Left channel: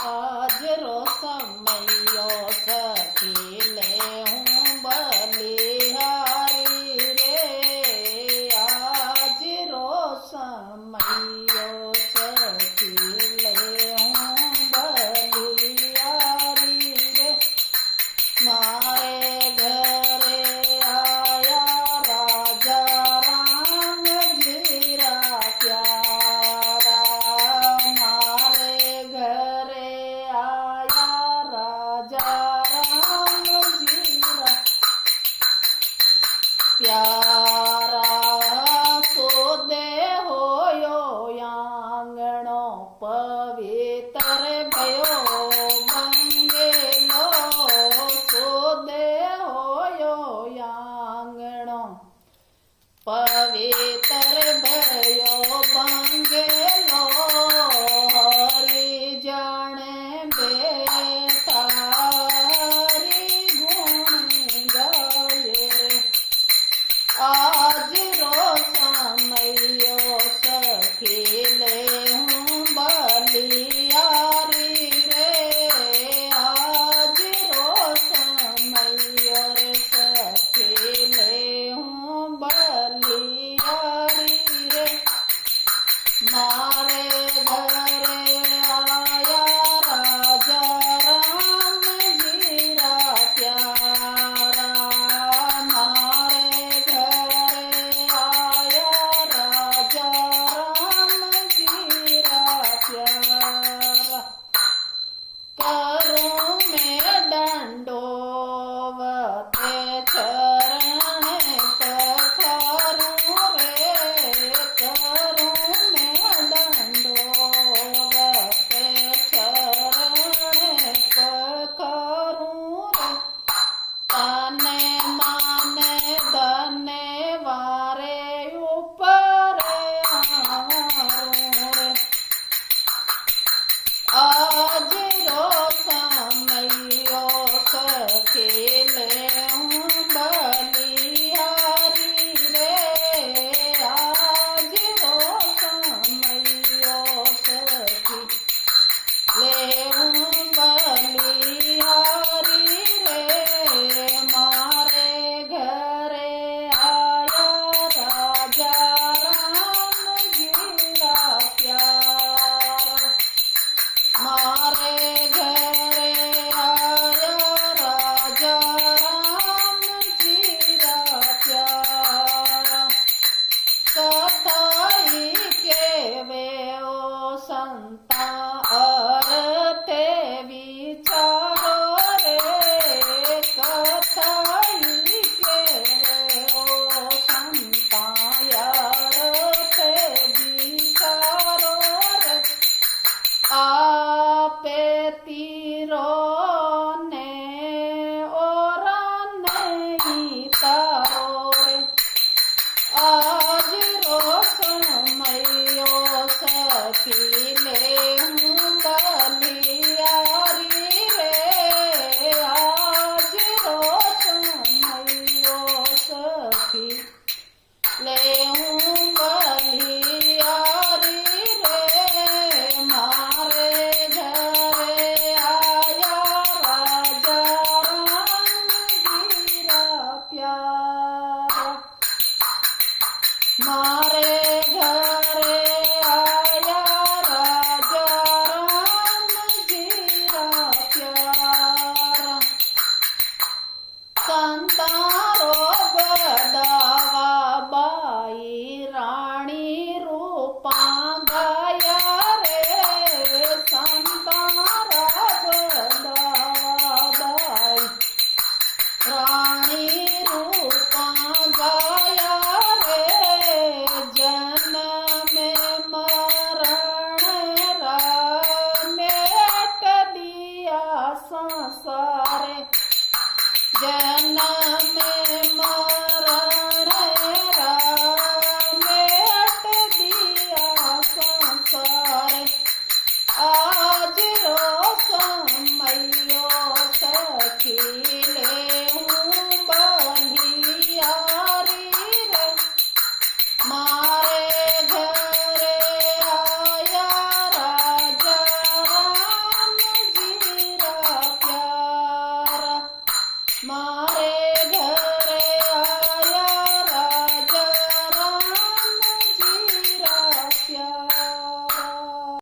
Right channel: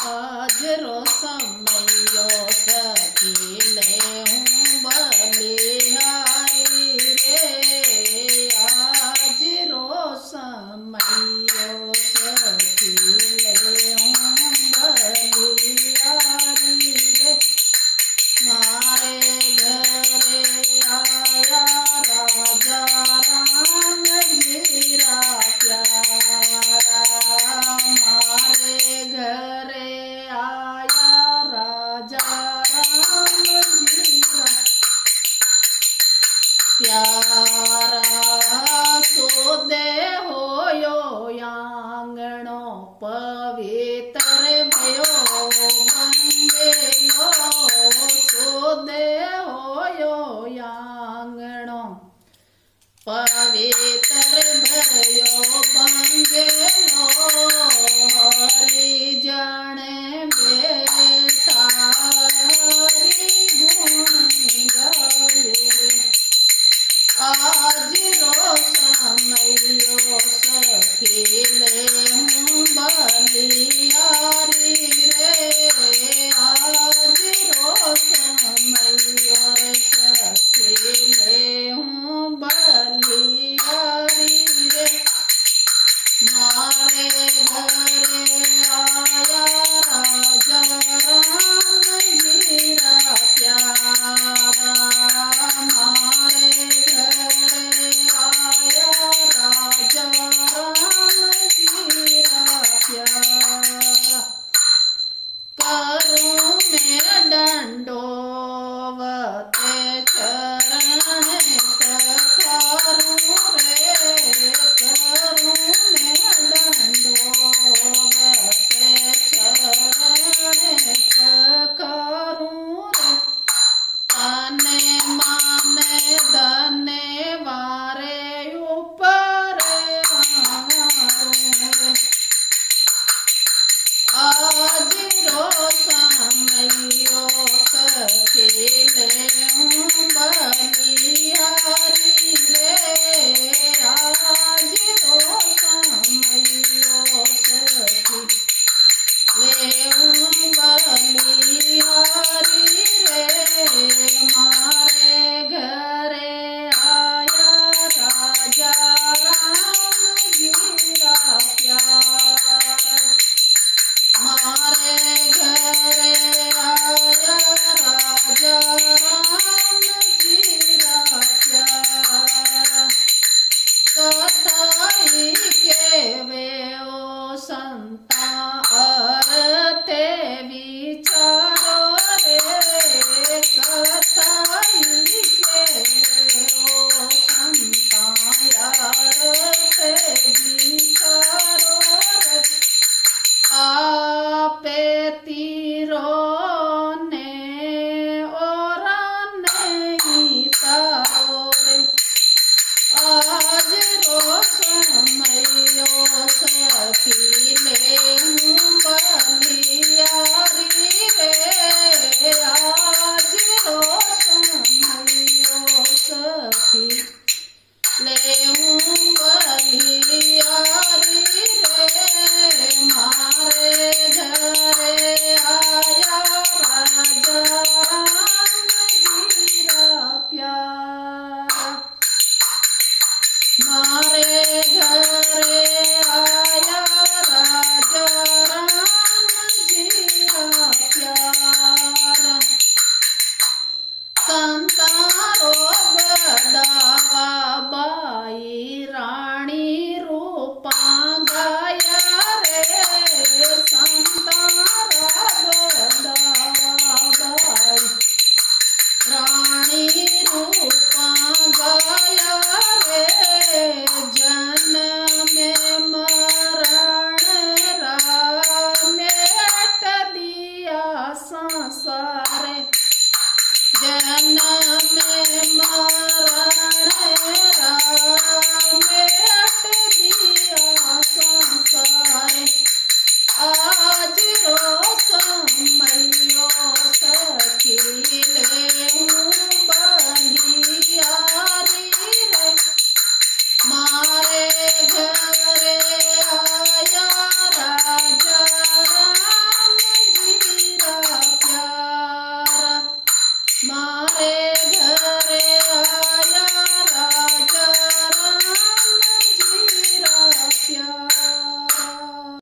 આજરો સમયો સખી લે હું બલિહારી રે આજરો સમયો સખી લે હું બલિહારી રે મારે ઘરે આયા રાજા રામજી રાખ્યા મારે ઘરે આયા રાજા રામજી પ્યારા સોદે હોયો આંગણો પવિત્ર ભયો બંગેલો સોદે હોયો આંગણો પવિત્ર ભયો બંગેલો હરી જાણે બેઠા હરી ગુણ ગયે આજરો સમયો સખી લે હું બલિહારી રે આજરો સમયો સખી લે હું બલિહારી રે મારે ઘરે આયા રાજા રામજી રાખ્યા મારે ઘરે આયા રાજા રામજી રાખ્યા કરું ને દંડોવતે ચરણે પખારું રે કરું ને દંડોવતે ચરણે પખારું રે તને માને ધને વારે ઉપરે આવું રે આજરો સમયો સખી લે હું બલિહારી રે આજરો સમયો સખી લે હું બલિહારી રે મારે ઘરે આયા રાજા રામજી રાખ્યા મારે ઘરે આયા રાજા રામજી રાખ્યા કથાઈ કેવે ઓ સંતા અર્થે વિચારો રે કથાઈ કેવે ઓ સંતા અર્થે વિચારો રે આપેતી